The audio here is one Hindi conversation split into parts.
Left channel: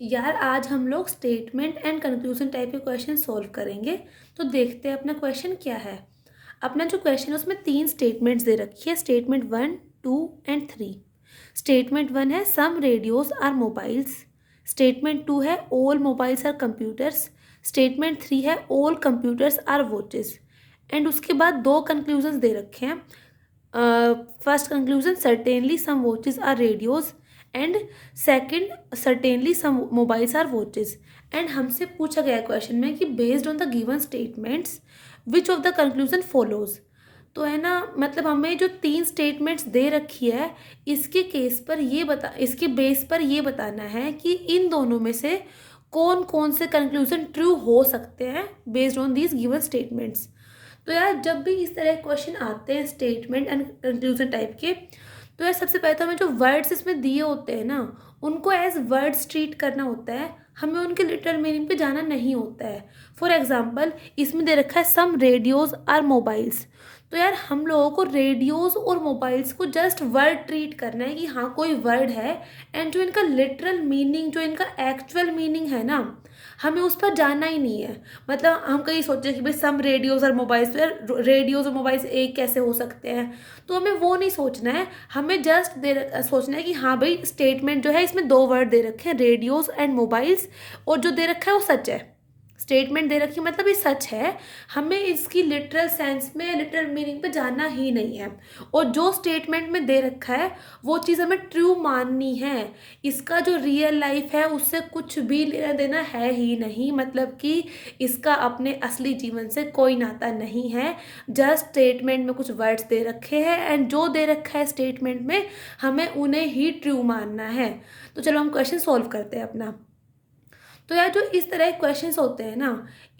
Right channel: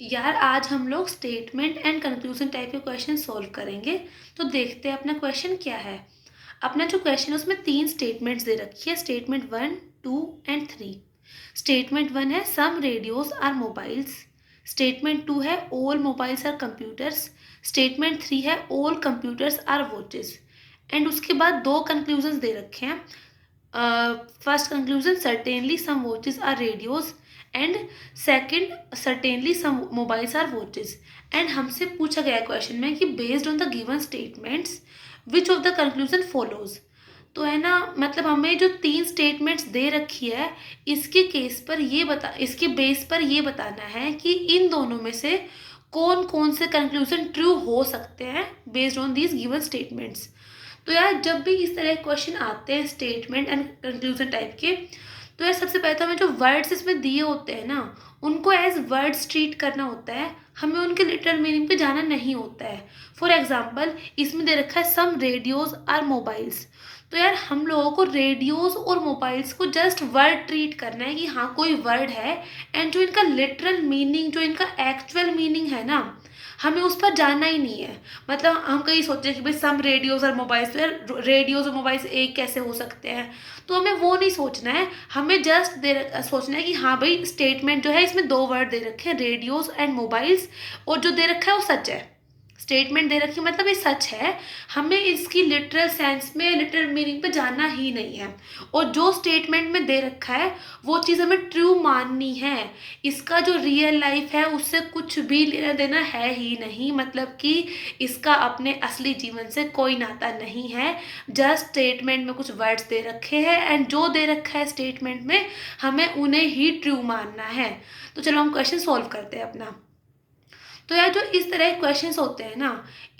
यार आज हम लोग स्टेटमेंट एंड कंक्लूजन टाइप के क्वेश्चन सॉल्व करेंगे। तो देखते हैं अपना क्वेश्चन क्या है। अपना जो क्वेश्चन है उसमें 3 स्टेटमेंट्स दे रखी है, स्टेटमेंट 1, 2 एंड 3। स्टेटमेंट 1 है some radios are mobiles. Statement 2 है all mobiles are computers. Statement 3 है all computers are watches. And उसके बाद 2 कंक्लूजन्स दे रखे हैं। First conclusion, certainly some watches are radios. And second, certainly some mobiles are watches. And हमसे पूछा गया क्वेश्चन में कि based on the given statements which of the conclusion follows. तो है ना, मतलब हमें जो 3 स्टेटमेंट्स दे रखी है इसके बेस पर ये बताना है कि इन दोनों में से कौन कौन से कंक्लूजन ट्रू हो सकते हैं based on these given statements. तो यार जब भी इस तरह के क्वेश्चन आते हैं स्टेटमेंट एंड कंक्लूजन टाइप के, तो यार सबसे पहले तो हमें जो वर्ड्स इसमें दिए होते हैं ना, उनको एज वर्ड्स ट्रीट करना होता है। हमें उनके लिटरल मीनिंग पे जाना नहीं होता है। फॉर एग्जाम्पल इसमें दे रखा है सम रेडियोज आर मोबाइल्स। तो यार हम लोगों को रेडियोज और मोबाइल्स को जस्ट वर्ड ट्रीट करना है कि हाँ कोई वर्ड है। एंड जो इनका लिटरल मीनिंग, जो इनका एक्चुअल मीनिंग है ना, हमें उस पर जाना ही नहीं है। मतलब हम कहीं सोचे कि भाई सम रेडियोज और मोबाइल्स, तो यार रेडियोज और मोबाइल्स एक कैसे हो सकते हैं। तो हमें वो नहीं सोचना है। हमें जस्ट सोचना है कि हाँ भाई स्टेटमेंट जो है इसमें 2 वर्ड दे रखे हैं, रेडियोज एंड मोबाइल्स, और जो दे रखा है वो सच है। स्टेटमेंट दे रखी है मतलब ये सच है। हमें इसकी लिटरल सेंस में, लिटरल मीनिंग पे जाना ही नहीं है। और जो स्टेटमेंट में दे रखा है वो चीज़ हमें ट्रू माननी है। इसका जो रियल लाइफ है उससे कुछ भी लेना देना है ही नहीं, मतलब कि इसका अपने असली जीवन से कोई नाता नहीं है। जस्ट स्टेटमेंट में कुछ वर्ड्स दे रखे हैं एंड जो दे रखा है स्टेटमेंट में हमें उन्हें ही ट्रू मानना है। तो चलो हम क्वेश्चन सॉल्व करते हैं अपना। तो यार जो इस तरह के क्वेश्चंस होते हैं ना,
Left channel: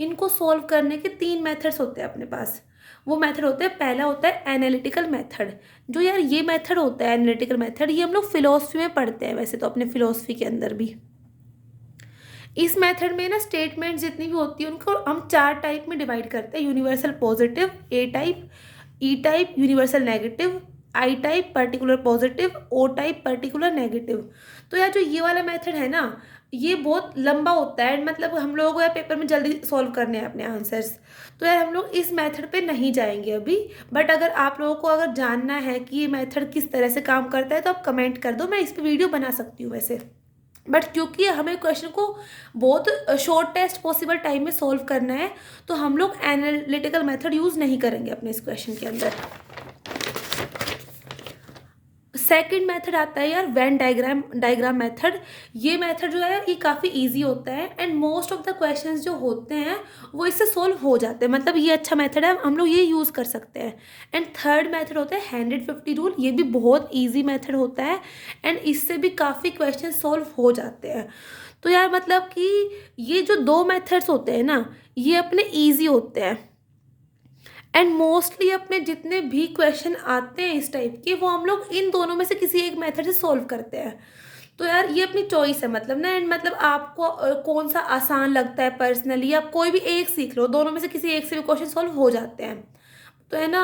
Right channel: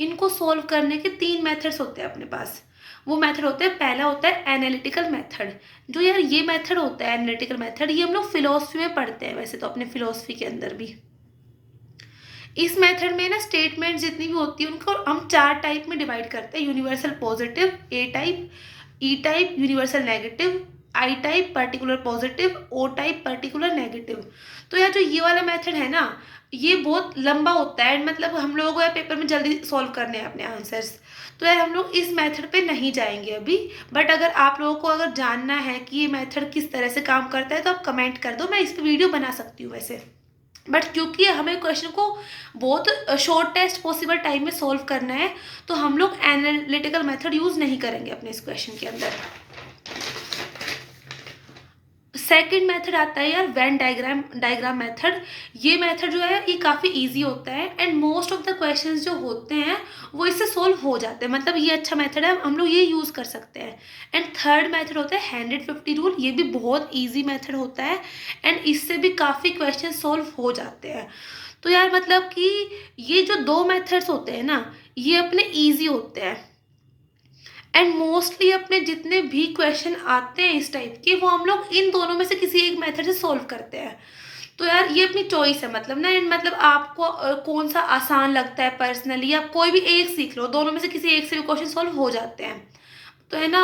इनको सॉल्व करने के 3 मेथड्स होते हैं अपने पास। वो मेथड होते हैं, पहला होता है एनालिटिकल मेथड। जो यार ये मेथड होता है एनालिटिकल मेथड, ये हम लोग फिलोसफी में पढ़ते हैं, वैसे तो अपने फिलोसफी के अंदर भी। इस मेथड में ना स्टेटमेंट जितनी भी होती है उनको हम 4 टाइप में डिवाइड करते हैं। Universal positive, A type, E type universal negative, I type particular positive, O type particular negative. तो यार जो ये वाला मेथड है ना, ये बहुत लंबा होता है, मतलब हम लोगों को यार पेपर में जल्दी सॉल्व करने हैं अपने आंसर्स। तो यार हम लोग इस मेथड पे नहीं जाएंगे अभी। बट अगर आप लोगों को अगर जानना है कि ये मेथड किस तरह से काम करता है तो आप कमेंट कर दो, मैं इस पर वीडियो बना सकती हूँ वैसे। बट क्योंकि हमें क्वेश्चन को बहुत शॉर्टेस्ट पॉसिबल टाइम में सॉल्व करना है, तो हम लोग एनालिटिकल मेथड यूज़ नहीं करेंगे अपने इस क्वेश्चन के अंदर। सेकंड मेथड आता है यार वेन डायग्राम मेथड। ये मेथड जो है ये काफ़ी इजी होता है and most of the questions जो होते हैं वो इससे सॉल्व हो जाते हैं, मतलब ये अच्छा मेथड है, हम लोग ये यूज़ कर सकते हैं। एंड थर्ड मेथड होता है 150 रूल। ये भी बहुत इजी मेथड होता है एंड इससे भी काफ़ी क्वेश्चन सॉल्व हो जाते हैं। तो यार मतलब कि ये जो 2 मेथड्स होते हैं ना, ये अपने ईजी होते हैं एंड मोस्टली अपने जितने भी क्वेश्चन आते हैं इस टाइप के, वो हम लोग इन दोनों में से किसी एक मेथड से सॉल्व करते हैं। तो यार ये अपनी चॉइस है, मतलब ना, एंड मतलब आपको कौन सा आसान लगता है पर्सनली, आप कोई भी एक सीख लो, दोनों में से किसी एक से भी क्वेश्चन सॉल्व हो जाते हैं। तो है ना,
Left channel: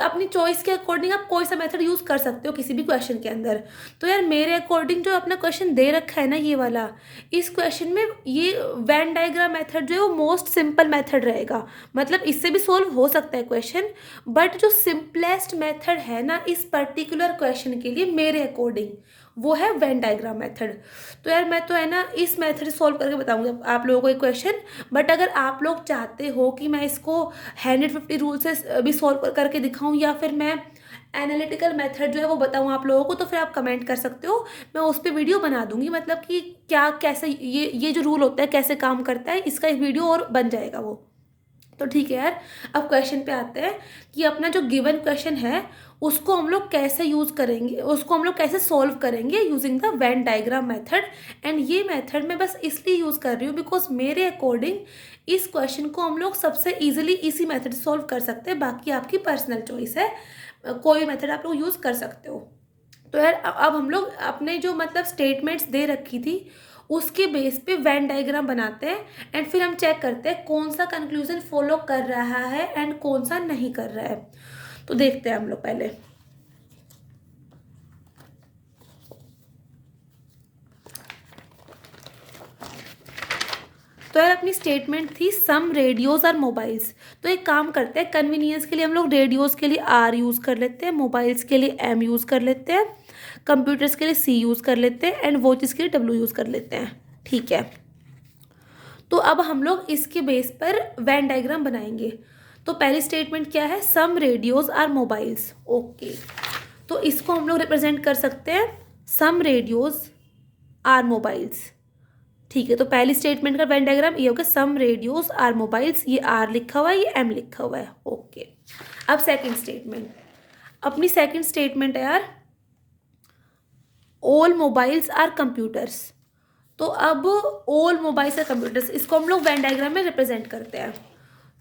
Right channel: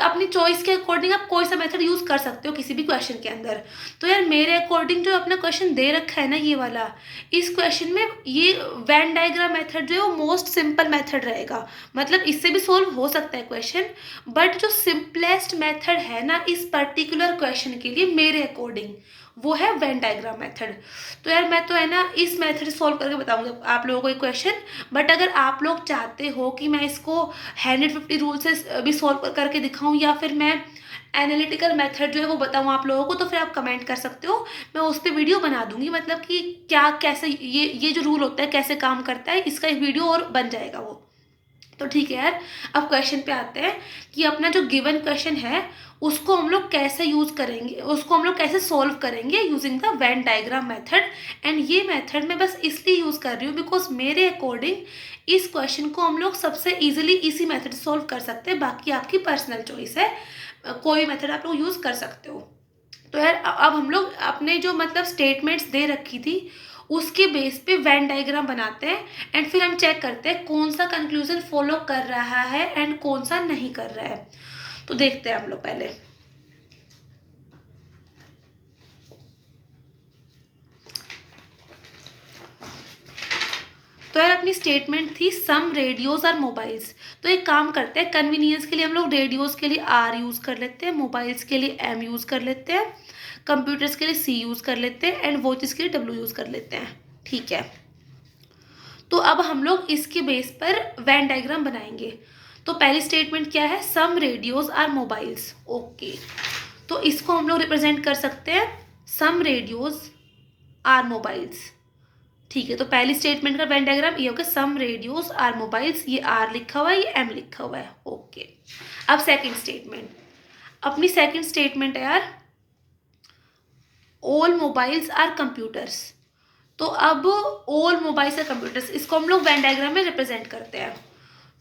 अपनी चॉइस के अकॉर्डिंग आप कोई सा मेथड यूज़ कर सकते हो किसी भी क्वेश्चन के अंदर। तो यार मेरे अकॉर्डिंग जो अपना क्वेश्चन दे रखा है ना ये वाला, इस क्वेश्चन में ये वेन डायग्राम मेथड जो है वो मोस्ट सिंपल मेथड रहेगा। मतलब इससे भी सोल्व हो सकता है क्वेश्चन, बट जो सिंपलेस्ट मेथड है ना इस पर्टिकुलर क्वेश्चन के लिए मेरे अकॉर्डिंग, वो है वेन डायग्राम मेथड। तो यार मैं तो है ना इस मेथड सॉल्व करके बताऊंगा आप लोगों को एक क्वेश्चन। बट अगर आप लोग चाहते हो कि मैं इसको 150 रूल से भी सॉल्व करके दिखाऊं, या फिर मैं एनालिटिकल मेथड जो है वो बताऊं आप लोगों को, तो फिर आप कमेंट कर सकते हो, मैं उस पर वीडियो बना दूंगी। मतलब कि क्या कैसे ये जो रूल होता है कैसे काम करता है, इसका एक वीडियो और बन जाएगा वो। तो ठीक है यार, अब क्वेश्चन पे आते हैं कि अपना जो गिवन क्वेश्चन है उसको हम लोग कैसे यूज़ करेंगे, उसको हम लोग कैसे सॉल्व करेंगे using the Venn diagram method. And ये मेथड मैं बस इसलिए यूज़ कर रही हूँ बिकॉज मेरे अकॉर्डिंग इस क्वेश्चन को हम लोग सबसे ईजिली इसी मेथड से सॉल्व कर सकते हैं। बाकी आपकी पर्सनल चॉइस है, कोई भी मेथड आप लोग यूज़ कर सकते हो। तो यार अब हम लोग अपने जो मतलब स्टेटमेंट्स दे रखी थी उसके बेस पे वेन डायग्राम बनाते हैं एंड फिर हम चेक करते हैं कौन सा कंक्लूजन फॉलो कर रहा है एंड कौन सा नहीं कर रहा है। तो देखते हैं हम लोग पहले। तो यार अपनी स्टेटमेंट थी सम रेडियोज आर मोबाइल्स। तो एक काम करते हैं, कन्वीनियंस के लिए हम लोग रेडियोज के लिए आर यूज़ कर लेते हैं, मोबाइल्स के लिए एम यूज़ कर लेते हैं, कंप्यूटर्स के लिए सी यूज़ कर लेते हैं, एंड वॉचेस के लिए डब्ल्यू यूज़ कर लेते हैं। ठीक है, तो अब हम लोग इसके बेस पर वैन डायग्राम बनाएंगे। तो पहली स्टेटमेंट क्या है, some radios are mobiles. Okay, तो इसको हम लोग रिप्रेजेंट कर सकते हैं सम रेडियोज आर मोबाइल्स। ठीक है, तो पहली स्टेटमेंट का वेन डायग्राम ये होगा, सम रेडियोज आर मोबाइल्स, ये आर लिखा हुआ है, ये एम लिखा हुआ है। ओके, अब सेकंड स्टेटमेंट, अपनी सेकंड स्टेटमेंट है यार, ऑल मोबाइल्स आर कंप्यूटर्स। तो अब ऑल मोबाइल्स आर कंप्यूटर्स, इसको हम लोग वेन डायग्राम में रिप्रेजेंट करते हैं।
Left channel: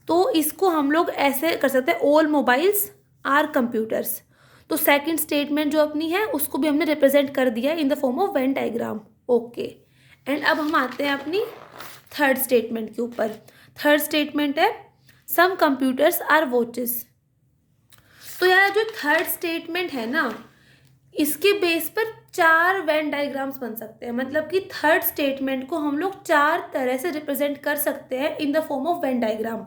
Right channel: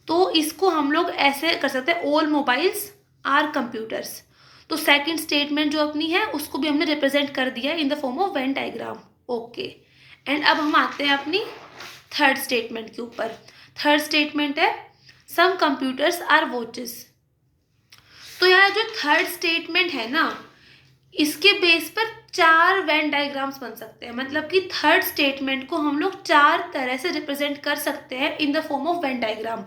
तो इसको हम लोग ऐसे कर सकते हैं, ऑल मोबाइल्स आर कंप्यूटर्स। तो सेकंड स्टेटमेंट जो अपनी है उसको भी हमने रिप्रेजेंट कर दिया in the form of Venn diagram. Okay, and अब हम आते हैं अपनी थर्ड स्टेटमेंट के ऊपर। थर्ड स्टेटमेंट है सम कंप्यूटर्स आर वॉचेस। तो यार जो थर्ड स्टेटमेंट है ना, इसके बेस पर 4 वेन डायग्राम्स बन सकते हैं। मतलब कि थर्ड स्टेटमेंट को हम लोग 4 तरह से रिप्रेजेंट कर सकते हैं in the form of Venn diagram.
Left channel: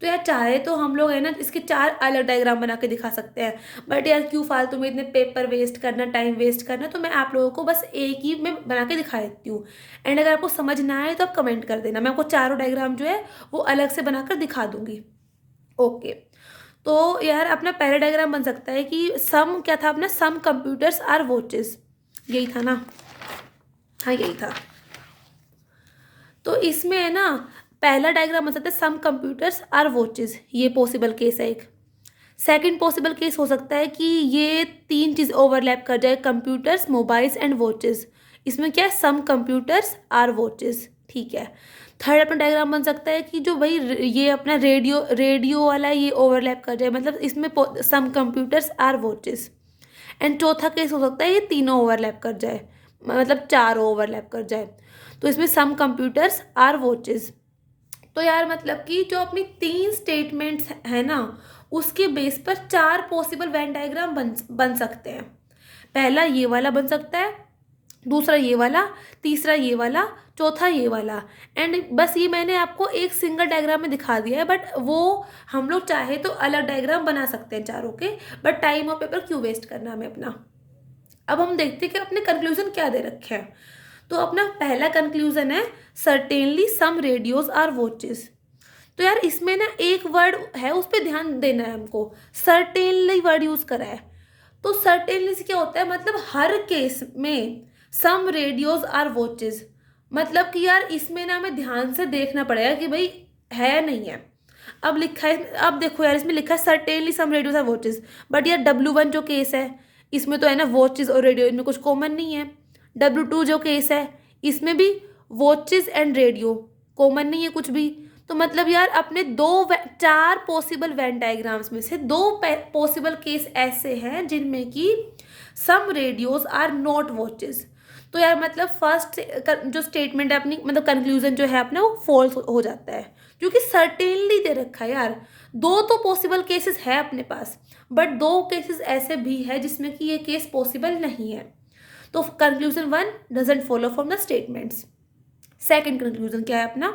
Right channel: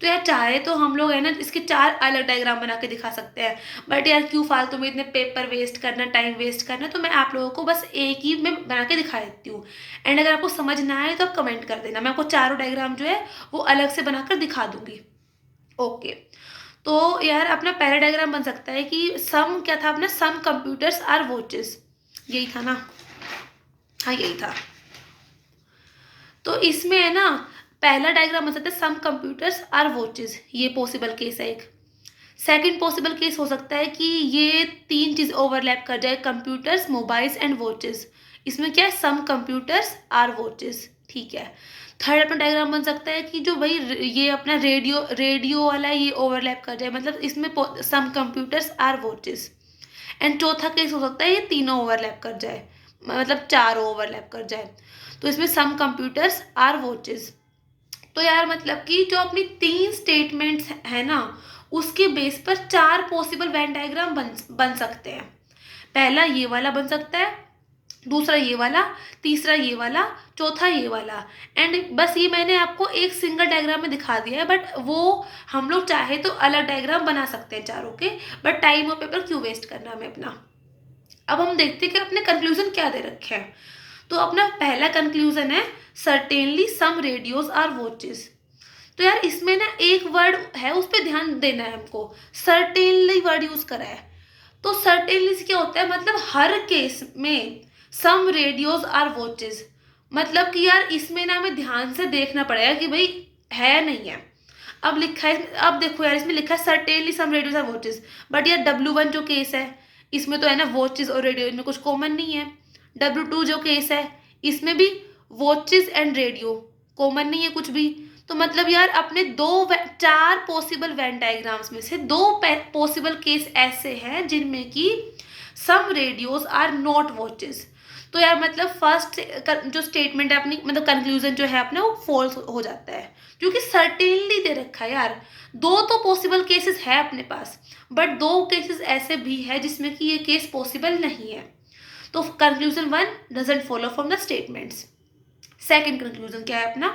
तो यार चाहे तो हम लोग है ना इसके 4 अलग डायग्राम बना के दिखा सकते हैं, बट यार क्यों फालतू में इतने पेपर वेस्ट करना, टाइम वेस्ट करना, तो मैं आप लोगों को बस एक ही में बना के दिखा देती हूँ। एंड अगर आपको समझ ना आए तो आप कमेंट कर देना, मैं आपको चारों डायग्राम जो है वो अलग से बनाकर दिखा दूंगी। ओके, तो यार अपना पहला डायग्राम बन सकता है कि सम क्या था अपना, सम कंप्यूटर्स आर वॉचेस, यही था ना, हाँ यही था। तो इसमें है ना पहला डायग्राम बन सकता है सम कंप्यूटर्स आर वॉचेस, ये पॉसिबल केस है एक। सेकंड पॉसिबल केस हो सकता है कि ये 3 चीज़ ओवरलैप कर जाए, कंप्यूटर्स, मोबाइल्स एंड वॉचेस। इसमें क्या है, सम कंप्यूटर्स आर वॉचेस। ठीक है, थर्ड अपना डायग्राम बन सकता है कि जो भाई ये अपना रेडियो वाला ये ओवरलैप कर जाए, मतलब इसमें सम कंप्यूटर्स आर वॉचेस। एंड चौथा केस हो सकता है ये तीनों ओवरलैप कर जाए, मतलब चारों ओवरलैप कर जाए, तो इसमें सम कंप्यूटर्स आर वॉचेस। तो यार मतलब कि जो अपनी 3 स्टेटमेंट्स है ना, उसके बेस पर 4 पॉसिबल वेन डायग्राम बन सकते हैं। पहला ये वाला बन सकता है, दूसरा ये वाला, तीसरा ये वाला, चौथा ये वाला। एंड बस ये मैंने आपको एक सिंगल डायग्राम में दिखा दिया है, बट वो हम लोग चाहे तो अलग डायग्राम बना सकते हैं चारों के, बट टाइम और पेपर क्यों वेस्ट करना हमें अपना। अब हम देखते हैं कि अपने कंक्लूजन क्या दे रखे हैं। तो अपना पहला कंक्लूजन है certainly some radios are watches. तो यार इसमें ना एक वर्ड है उस पर ध्यान देना है हमको, सर्टेनली वर्ड यूज करा है। तो सर्टेनली से क्या होता है, मतलब हर केस में सम रेडियोज आर वॉचेस, मतलब कि यार इसमें ना हमें ध्यान से देखना पड़ेगा कि भाई है नहीं है। अब लिखा है, अब देखो यार इसमें लिखा है certainly some radios are watches, but यार W1 जो केस है इसमें तो है ना वॉचेस और रेडियो, इनमें कुछ कॉमन नहीं है। W2 जो केस है इसमें भी वॉचेस एंड रेडियो कॉमन नहीं है कुछ भी। तो मतलब यार अपने 4 पॉसिबल वेन डायग्राम्स में से 2 पॉसिबल केस ऐसे हैं जिनमें कि some radios are not watches. तो यार मतलब फर्स्ट जो स्टेटमेंट है अपनी, मतलब कंक्लूजन जो है अपना, वो फॉल्स हो जाता है, क्योंकि सर्टेनली दे रखा है यार। 2 तो पॉसिबल केसेस है अपने पास, बट 2 केसेस ऐसे भी है जिसमें कि ये केस पॉसिबल नहीं है। तो conclusion 1 doesn't follow from the statements. Second conclusion क्या है अपना,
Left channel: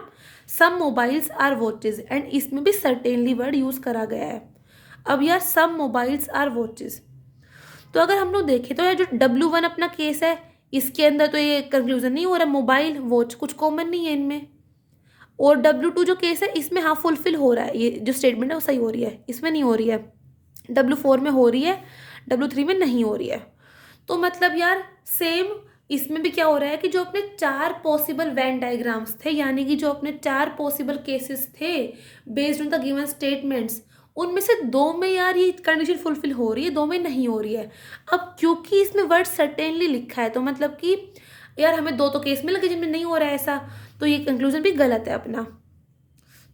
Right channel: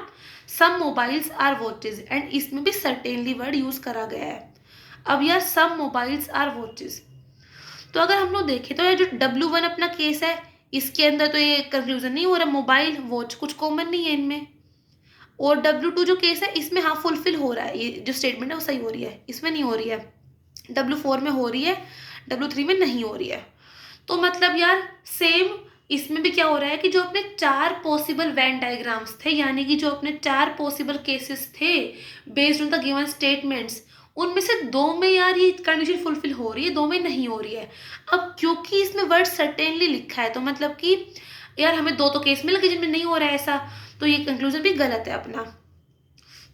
सम मोबाइल्स आर वॉचेस, एंड इसमें भी सर्टेनली वर्ड यूज करा गया है। अब यार सम मोबाइल्स आर वॉचेस, तो अगर हम लोग देखें तो ये जो W1 अपना केस है इसके अंदर तो ये कंक्लूजन नहीं हो रहा, मोबाइल वॉच कुछ कॉमन नहीं है इनमें। और W2 जो केस है इसमें हाँ फुलफिल हो रहा है, ये जो स्टेटमेंट है वो सही हो रही है, इसमें नहीं हो रही है। W4 में हो रही है, W3 में नहीं हो रही है। तो मतलब यार सेम इसमें भी क्या हो रहा है कि जो अपने 4 पॉसिबल वेन डायग्राम्स थे, यानी कि जो अपने 4 पॉसिबल केसेस थे based on the given statements, उनमें से 2 में यार ये कंडीशन फुलफिल हो रही है, 2 में नहीं हो रही है। अब क्योंकि इसमें वर्ड सर्टेनली लिखा है तो मतलब कि यार हमें 2 तो केस मिल गए जिनमें नहीं हो रहा है ऐसा, तो ये कंक्लूजन भी गलत है अपना।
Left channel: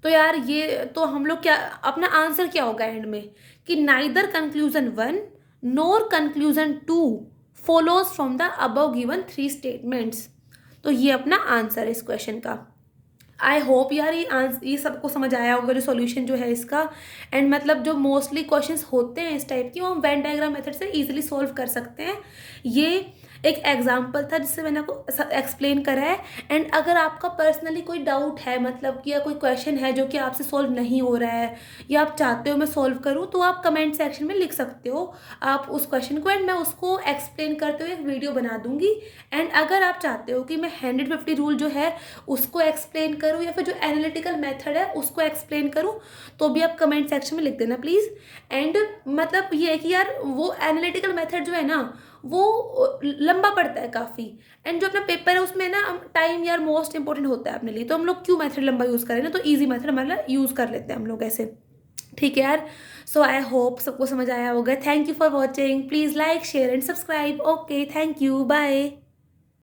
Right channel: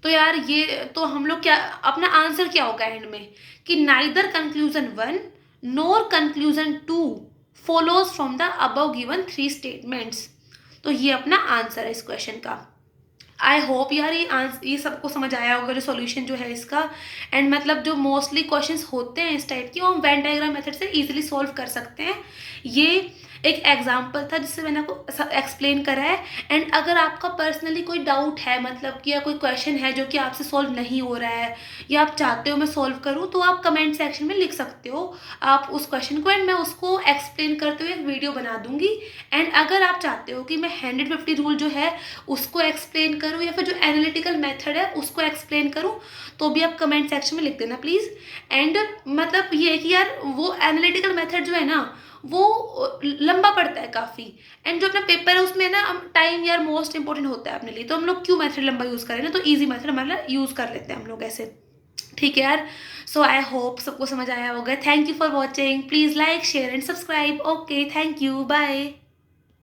तो यार ये तो हम लोग क्या, अपना आंसर क्या होगा एंड में, कि neither conclusion 1 NOR conclusion 2 follows from the above given 3 statements. तो ये अपना आंसर है इस क्वेश्चन का। आई होप यार ये सबको समझ आया होगा जो सॉल्यूशन जो है इसका। एंड मतलब जो मोस्टली क्वेश्चंस होते हैं इस टाइप की वो हम वेन डायग्राम मेथड से इजीली सॉल्व कर सकते हैं। ये एक एग्जाम्पल था जिससे मैंने आपको एक्सप्लेन करा है। एंड अगर आपका पर्सनली कोई डाउट है, मतलब कि या कोई क्वेश्चन है जो कि आपसे सॉल्व नहीं हो रहा है या आप चाहते हो मैं सॉल्व करूँ, तो आप कमेंट सेक्शन में लिख सकते हो आप उस क्वेश्चन को, एंड मैं उसको एक्सप्लेन करते हुए एक वीडियो बना दूंगी। एंड अगर आप चाहते हो कि मैं 150 रूल जो है उसको एक्सप्लेन करूँ या फिर जो एनालिटिकल मेथड है उसको एक्सप्लेन करूँ, तो भी आप कमेंट सेक्शन में लिख देना प्लीज़। एंड मतलब ये है कि यार वो एनालिटिकल मेथड जो है ना वो लंबा पड़ता है काफ़ी। एंड जो अपना पेपर है उसमें ना हम टाइम यार मोस्ट इंपॉर्टेंट होता है अपने लिए, तो हम लोग क्यों मेथड लंबा यूज़ करें ना, तो ईजी मेथड हमारा यूज़ कर लेते हैं हम लोग ऐसे। ठीक है यार। सो आई होप सबको समझ आया होगा। Thank you for watching, please like share and subscribe. Okay, thank you, bye.